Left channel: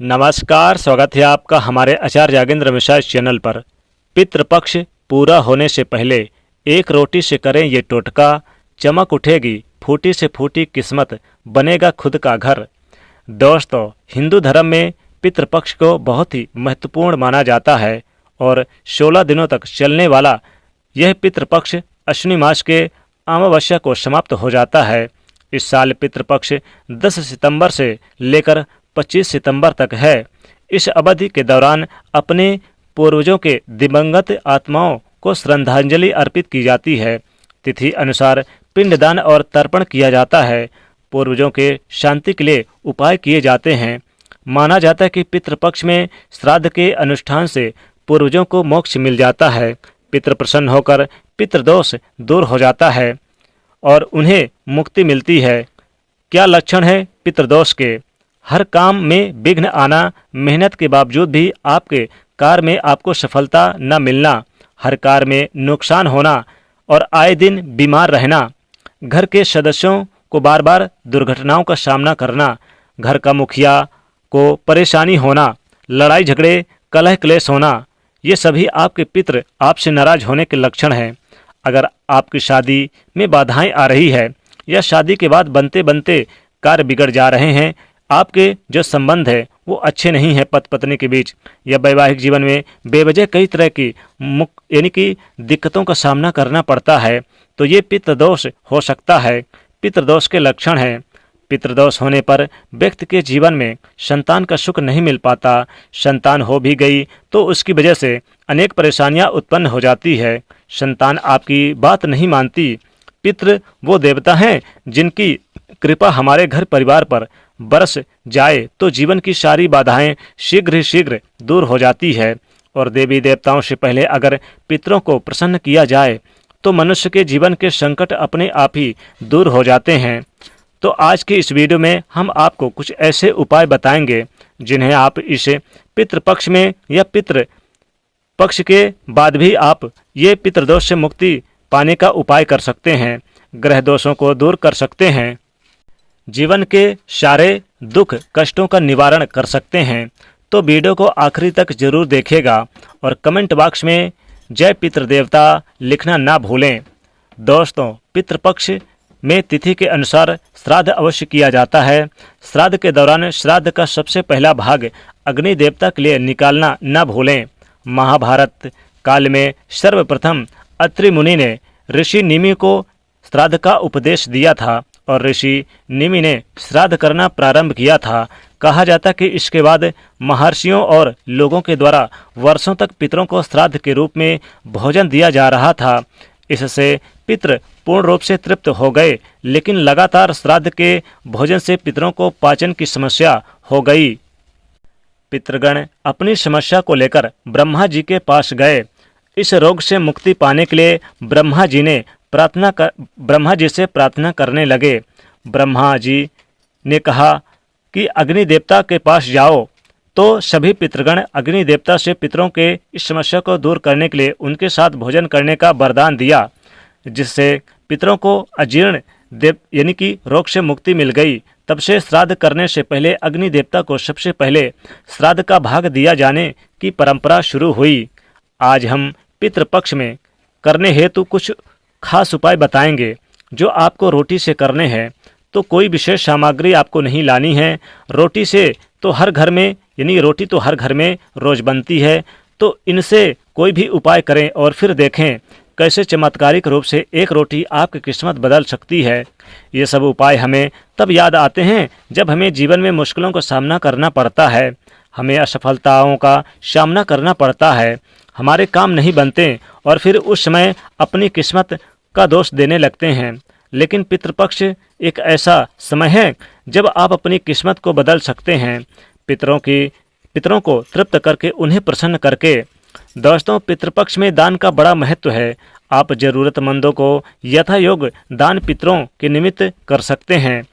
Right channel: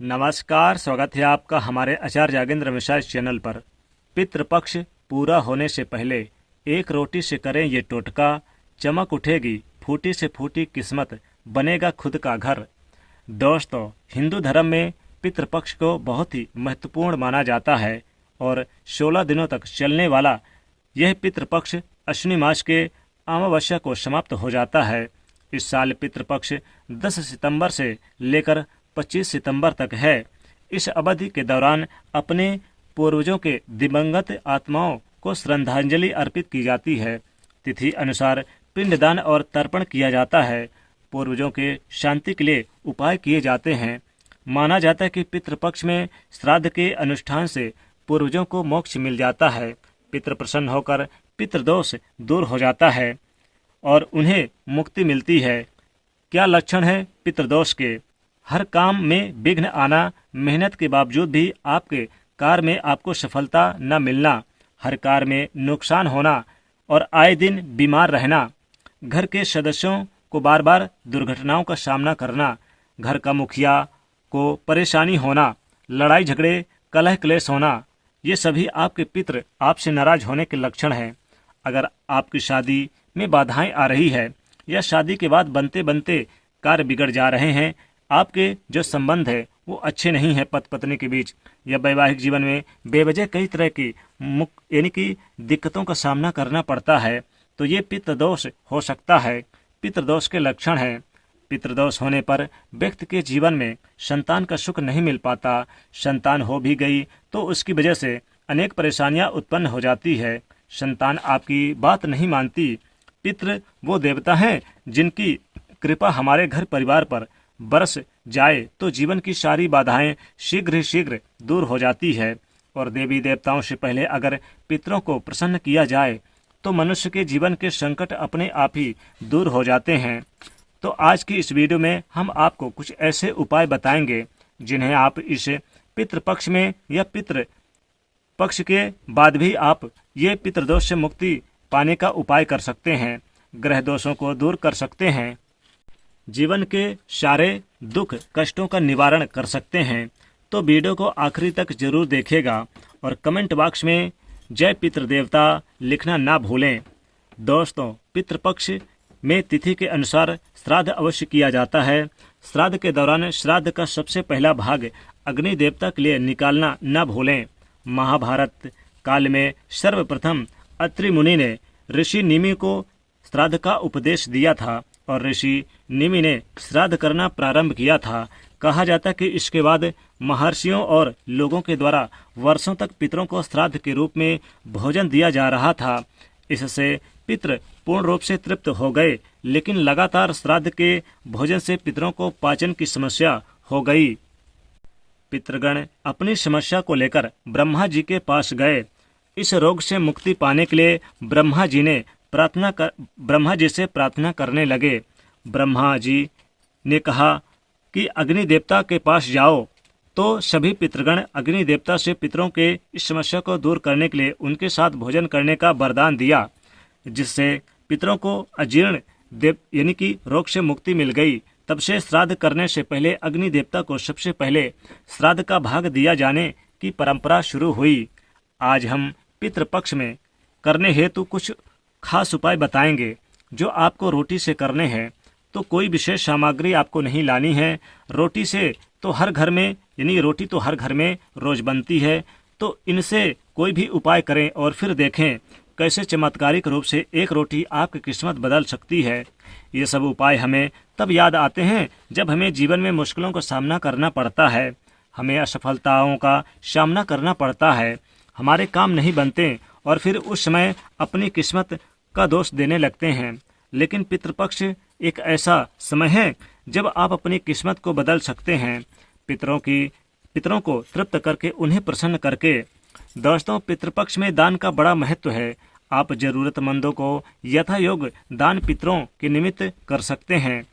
नमस्कार, स्वागत है आपका हमारे आचार्य यागेंद्र मिश्रा चैनल पर। पितृपक्ष पूरा होने से पहले एक रोटी से करें ये टोटका, चमक उठेगी फूटी से फूटी किस्मत, बनेगा खुद का घर। दोस्तों, हिंदू धर्म में पितृपक्ष को बहुत ही महत्वपूर्ण माना जाता है और 16 दिनों तक चलने वाला यह पितृपक्ष अश्विनी मास के अमावस्या को समाप्त हो जाता है। इस साल पितृपक्ष 10 सितंबर से लेकर 25 सितंबर तक है। इस अवधि के दौरान अपने पूर्वजों के दिवंगत आत्माओं को श्रद्धांजलि अर्पित की जाती है। तिथि अनुसार पिंडदान और तर्पण किया जाता है। पूर्वजों के शांति के लिए उपाय किए जाते हैं। माना जाता है कि पितृपक्ष में श्राद्ध के अनुष्ठान से पूर्वजों को मोक्ष मिल जाता है। पितृ प्रसन्न होकर पितृदोष दूर हो जाता है और उन्हें मुक्ति मिलती है। क्या लक्षण है पितृदोष के? हर काम में विघ्न आना, मेहनत के बावजूद भी आपके कार्य में आपको सफलता न मिलना, हर कार्य में नुकसान होना और आए दिन बीमार रहना, घर के सदस्यों को बार बार दुर्घटनाओं का सामना करना, घर का मुखिया को परेशानी होना, लड़ाई झगड़े कलह क्लेश होना, ये सभी आपके पितृ आपसे नाराज होने के लक्षण हैं। अगर आपकी शादी में बाधाएं आ रही है या शादी के बाद बनते बनते कार्य बिगड़ जा रहे हैं, आपके जो संबंध है वो अच्छे नहीं है पति पत्नी के बीच, या वैवाहिक जीवन में बेवजह कई तरह की यानी कि दिक्कतों का सामना करना पड़ता है, तो ये पितृदोष हो सकता है। पितृदोष के लक्षण हैं। पितृदोष होने पर व्यक्ति के जीवन में संतान का सुख नहीं मिल पाता। संतान हो भी गई तो उसकी वजह से अनेक परेशानियां उत्पन्न हो जाती है। संतान आपकी बात नहीं मानती। पितृ वो देवता हैं जिनकी कृपा हमारे घर परिवार पर बरस जाए तो जीवन की सारी बाधाएं शीघ्र ही शीघ्र दूर हो जाती है। और देवी देवताओं से पहले अगर पितरों को प्रसन्न किया जाए तो मनुष्य के जीवन के संकट अपने आप ही दूर हो जाते हैं। तो आज की इस वीडियो में हम आपको कुछ ऐसे उपाय बताएंगे जिन्हें आप इस पितृपक्ष में या पितृ पक्ष के बाद भी आप ये पितृदोष से मुक्ति पाने का उपाय कर सकते हैं, ग्रह दोषों को दूर कर सकते हैं, जीवन के सारे दुख कष्टों का निवारण कर सकते हैं। तो वीडियो को आखिरी तक जरूर देखिएगा और कमेंट बॉक्स में जय पितृदेवता लिखना ना भूलें। दोस्तों, पितृपक्ष में तिथि के अनुसार श्राद्ध अवश्य किया जाता है। श्राद्ध के दौरान श्राद्ध का सबसे पहला भाग अग्नि देवता के लिए निकालना न भूलें। महाभारत काल में सर्वप्रथम अत्रि मुनि ने ऋषि निमि को श्राद्ध का उपदेश दिया था और ऋषि निमि ने श्राद्ध करना प्रारंभ किया था। कहा जाता कि इसके बाद महर्षियों और लोगों के द्वारा वर्षों तक पितरों को श्राद्ध के रूप में भोजन दिया जा रहा था। इससे पितृ पूर्ण रूप से तृप्त हो गए, लेकिन लगातार श्राद्ध के भोजन से पितरों को पाचन की समस्या हो गई। पितृगण अपनी समस्या को लेकर ब्रह्मा जी के पास गए। इस रोग से मुक्ति पाने के लिए ब्रह्मा जी से प्रार्थना करने लगे। ब्रह्मा जी ने कहा कि अग्नि देवता के पास जाओ। तो सभी पितृगण अग्नि देवता से पितरों के इस समस्या को दूर करने के लिए उनके साथ भोजन करने का वरदान दिया, जिससे पितरों को अजीर्ण यानी कि रोग से मुक्ति मिल गई। तब से श्राद्ध करने से पहले अग्नि देवता को सबसे पहले श्राद्ध का भाग दिया जाने की परंपरा शुरू हुई। आज हम पितृपक्ष में करने हेतु कुछ खास उपाय बताएंगे जो आपको रोटी से करने हैं। तो कोई विशेष सामग्री आपको नहीं लानी है। रोटी से तो हर घर में यानी रोटी तो हर घर में रोज बनती है, तो इनसे कोई भी उपाय करें और फिर देखें कैसे चमत्कारिक रूप से एक रोटी आपकी किस्मत बदल सकती है। ये सब उपाय हमें तब याद आते हैं जब हमें जीवन में मुश्किलों का सामना करना पड़ता है, हमें असफलताओं का सामना करना पड़ता है, हमारे काम नहीं बनते और फिर उस समय अपनी किस्मत का दोष देने लगते हैं। लेकिन पितृपक्ष एक ऐसा समय है जब आप अपनी किस्मत को बदल सकते हैं, पितरों को तृप्त करके उन्हें प्रसन्न करके। दोस्तों, पितृपक्ष में दान का बड़ा महत्व है। आप जरूरतमंदों को यथायोग्य दान पितरों के निमित्त कर सकते हैं,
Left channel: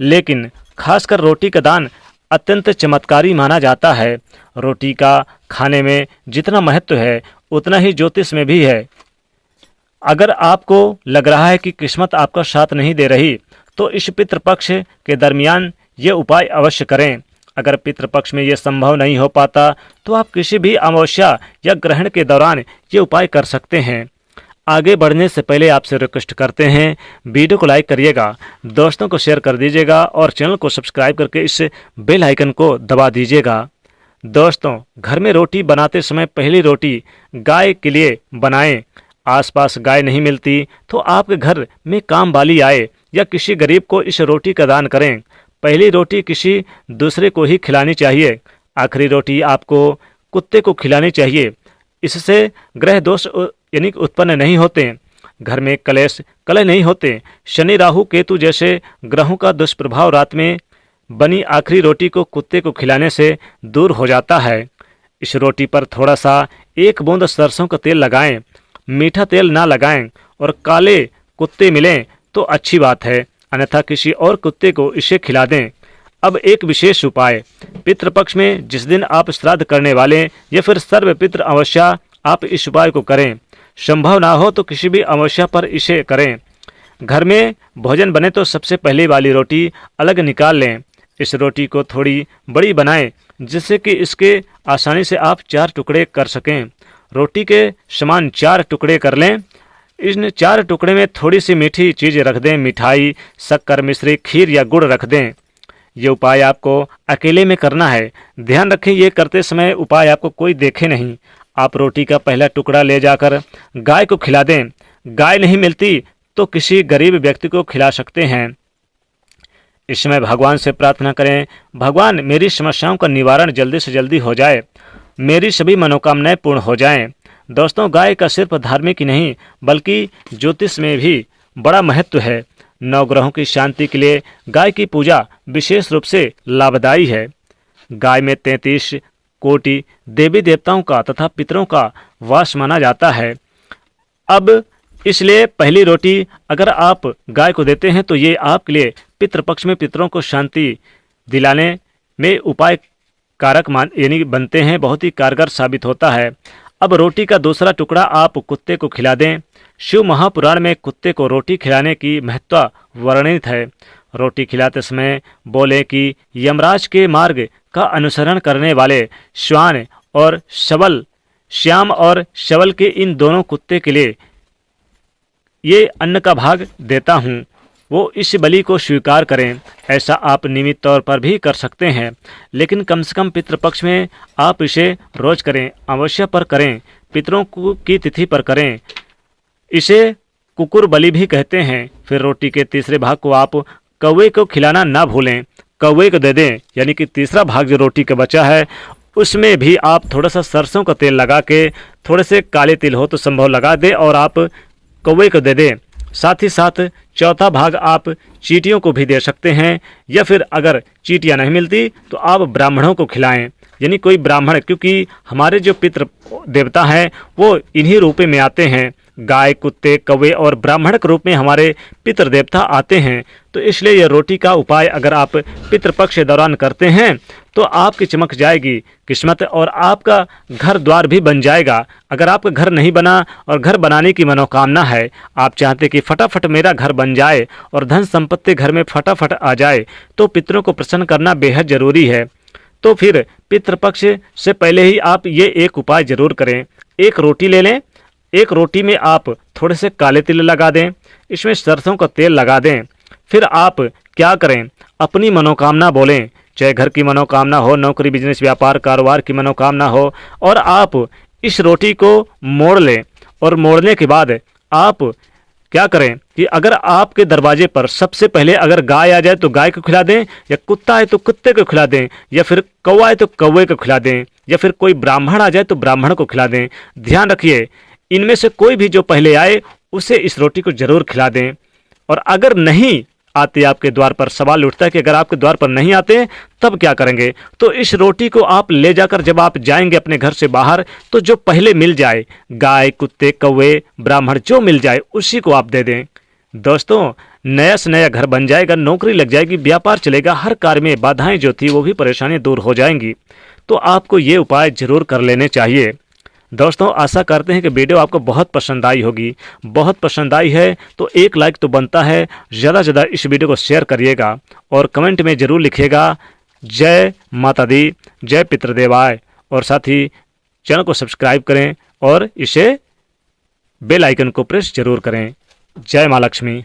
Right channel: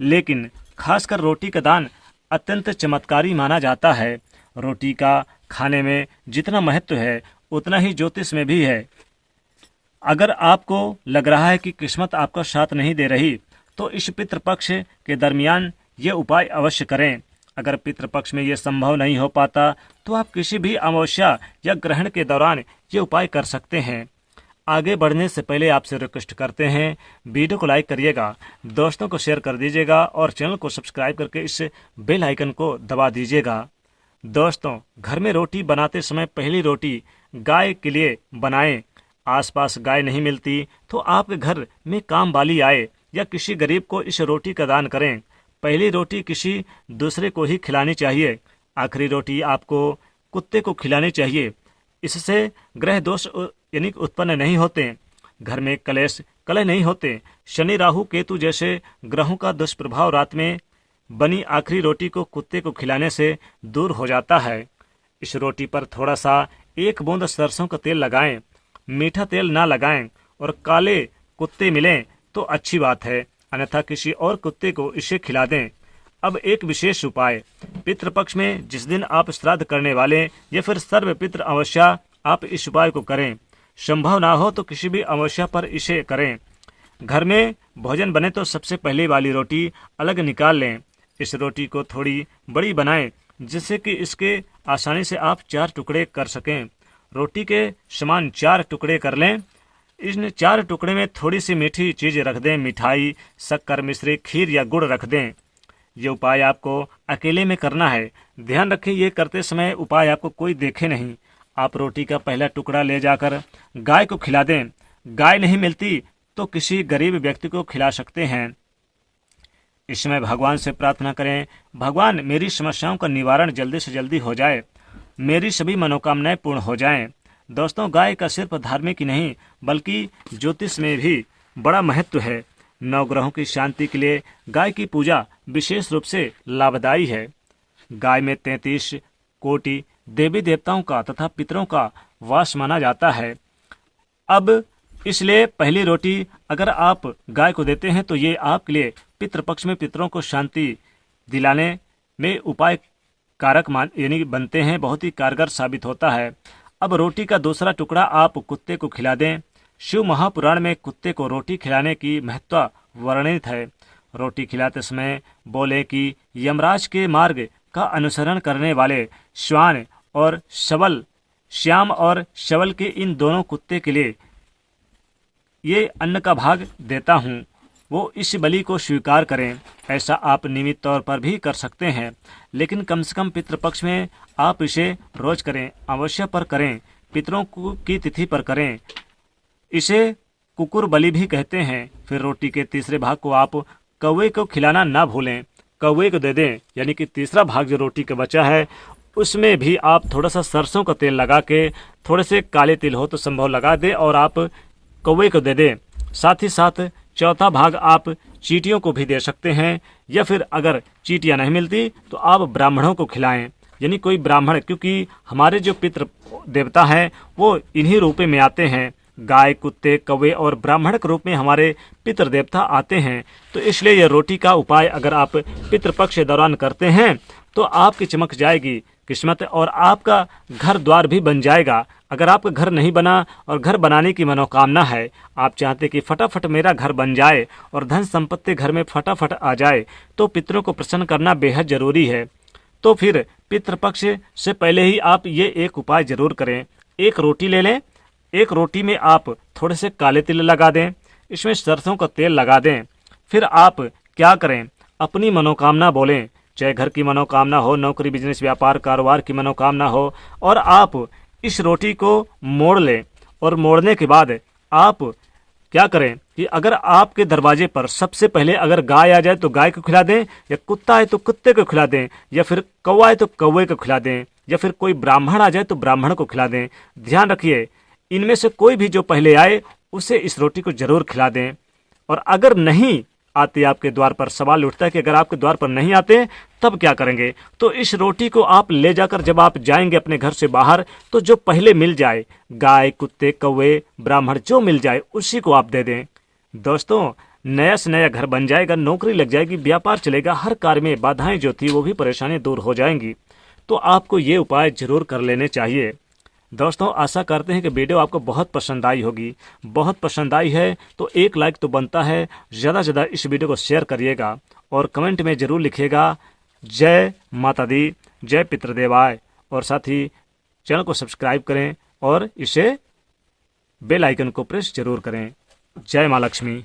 लेकिन खासकर रोटी का दान अत्यंत चमत्कारी माना जाता है। रोटी का खाने में जितना महत्व है उतना ही ज्योतिष में भी है। अगर आपको लग रहा है कि किस्मत आपका साथ नहीं दे रही, तो इस पितृपक्ष के दरमियान ये उपाय अवश्य करें। अगर पितृपक्ष में ये संभव नहीं हो पाता तो आप किसी भी अमावस्या या ग्रहण के दौरान ये उपाय कर सकते हैं। आगे बढ़ने से पहले आपसे रिक्वेस्ट करते हैं, वीडियो को लाइक करिएगा, दोस्तों को शेयर कर दीजिएगा और चैनल को सब्सक्राइब करके इस बेल आइकन को दबा दीजिएगा। दोस्तों, घर में रोटी बनाते समय पहली रोटी गाय के लिए बनाएं। आसपास गाय नहीं मिलती तो आपके घर में काम वाली आए या किसी गरीब को इस रोटी का दान करें। पहली रोटी किसी दूसरे को ही खिलानी चाहिए। आखिरी रोटी आपको कुत्ते को खिलानी चाहिए। इससे ग्रह दोष यानी उत्पन्न नहीं होते, घर में कलेश कलह नहीं होते। शनि राहु केतु जैसे ग्रहों का दुष्प्रभाव रात में बनी आखिरी रोटी को कुत्ते को खिलाने से दूर हो जाता है। इस रोटी पर थोड़ा सा 1 बूंद सरसों का तेल लगाएं। मीठा तेल ना लगाएं और काले कुत्ते मिलें तो अच्छी बात है, अन्यथा किसी और कुत्ते को इसे खिला दें। अब एक विशेष उपाय, पितृपक्ष में जिस दिन आप श्राद्ध करने वाले या फिर सर्व पितृ अमावस्या, आप इस उपाय को करें। संभव ना हो तो किसी भी अमावस्या पर इसे करें। घर में भोजन बने तो सबसे पहले वाली रोटी अलग निकाल लें। इस रोटी को थोड़ी बड़ी बनाएं जिससे कि इसके आसानी से आप 4 टुकड़े कर सकें। रोटी के समान 4 टुकड़े कर लें। इन 4 टुकड़े में थोड़ी सी मीठी चीज़ रख दें, मिठाई, शक्कर, मिश्री, खीर या गुड़ रख दें। ये उपाय आपको अकेले में करना है। ध्यान रखें, ये करते समय उपाय आपको कोई देखे नहीं। आप रोटी का पहला टुकड़ा ले जाकर गाय को खिला दें। गाय नहीं मिलती तो किसी गरीब व्यक्ति को खिला सकते हैं। इस समय भगवान से प्रार्थना करें, भगवान मेरी समस्याओं का निवारण जल्दी से जल्दी हो जाए, मेरी सभी मनोकामनाएं पूर्ण हो जाएं। दोस्तों, गाय का सिर्फ धार्मिक ही नहीं बल्कि ज्योतिष में भी बड़ा महत्व है। 9 ग्रहों की शांति के लिए गाय की पूजा विशेष रूप से लाभदायी है। गाय में 33 कोटि देवी देवताओं का तथा पितरों का वास माना जाता है। अब इसलिए पहली रोटी अगर आप गाय को देते हैं तो ये आपके लिए पितृपक्ष में पितरों को शांति दिलाने में उपाय कारक यानी बनते हैं, बहुत ही कारगर साबित होता है। अब रोटी का दूसरा टुकड़ा आप कुत्ते को खिला दें। शिव महापुराण में कुत्ते को रोटी खिलाने की महत्ता वर्णित है। रोटी खिलाते समय बोले कि यमराज के मार्ग का अनुसरण करने वाले श्वान और शवल, श्याम और शवल के इन दोनों कुत्ते के लिए ये अन्न का भाग देता हूँ, वो इस बलि को स्वीकार करें। ऐसा आप नियमित तौर पर भी कर सकते हैं, लेकिन कम से कम पितृपक्ष में आप इसे रोज करें, अमावस्या पर करें, पितरों की तिथि पर करें। इसे कुकुर बलि भी कहते हैं। फिर रोटी के तीसरे भाग को आप कौवे को खिलाना ना भूलें, कौवे को दे दें। यानी कि तीसरा भाग जो रोटी का बचा है उसमें भी आप थोड़ा सा सरसों का तेल लगा के, थोड़े से काले तिल हो तो संभव लगा दें और आप कौवे को दे दें। साथ ही साथ चौथा भाग आप चींटियों को भी दे सकते हैं, या फिर अगर चींटियाँ नहीं मिलती तो आप ब्राह्मणों को खिलाएं। यानी कोई ब्राह्मण, क्योंकि हमारे जो पितृ देवता हैं वो इन्हीं रूपे में आते हैं, गाय, कुत्ते, कौवे और ब्राह्मण के रूप में हमारे पितृ देवता आते हैं। तो इसलिए यह रोटी का उपाय अगर आप पितृपक्ष के दौरान करते हैं तो आपकी चमक जाएगी किस्मत और आपका घर द्वार भी बन जाएगा। अगर आपका घर नहीं बना और घर बनाने की मनोकामना है, आप चाहते कि फटाफट मेरा घर बन जाए और धन संपत्ति घर में फटाफट आ जाए, तो पितरों को प्रसन्न करना बेहद जरूरी है। तो फिर पितृपक्ष से पहले ही आप ये एक उपाय जरूर करें। एक रोटी ले लें, एक रोटी में आप थोड़े से काले तिल लगा दें, इसमें सरसों का तेल लगा दें। फिर आप क्या करें, अपनी मनोकामना बोलें, चाहे घर की मनोकामना हो, नौकरी, बिजनेस, व्यापार, कारोबार की मनोकामना हो, और आप इस रोटी को मोड़ लें। और मोड़ने के बाद आप क्या करें कि अगर आपके दरवाजे पर सबसे पहले अगर गाय आ जाए तो गाय को खिला दें, या कुत्ता है तो कुत्ते को खिला दें, या फिर कौवा है तो कौवे को खिला दें, या फिर कोई ब्राह्मण आ जाए तो ब्राह्मण को खिला दें। ध्यान रखिए, इनमें से कोई भी जो पहले आए उसे इस रोटी को जरूर खिला दें। और अगर नहीं आते आपके द्वार पर, सवाल उठता है कि अगर आपके द्वार पर नहीं आते तब क्या करेंगे, तो इस रोटी को आप ले जाकर जब आप जाएंगे अपने घर से बाहर, तो जो पहले मिल जाए, गाय, कुत्ते, कौवे, ब्राह्मण जो मिल जाए उसी को आप दे दें। दोस्तों, नया से नया घर बन जाएगा, नौकरी लग जाएगी, व्यापार चलेगा, हर कार्य में बाधाएं जो थी वो भी परेशानी दूर हो जाएंगी। तो आपको ये उपाय जरूर कर लेने चाहिए। दोस्तों, आशा करते हैं कि वीडियो आपको बहुत पसंद आई होगी। बहुत पसंद आई है तो एक लाइक तो बनता है, ज़्यादा से ज़्यादा इस वीडियो को शेयर करिएगा और कमेंट में ज़रूर लिखिएगा जय माता दी, जय पितृदेवाय। और साथ ही चैनल को सब्सक्राइब करें और इसे बेल आइकन को प्रेस जरूर करें। जय माँ लक्ष्मी।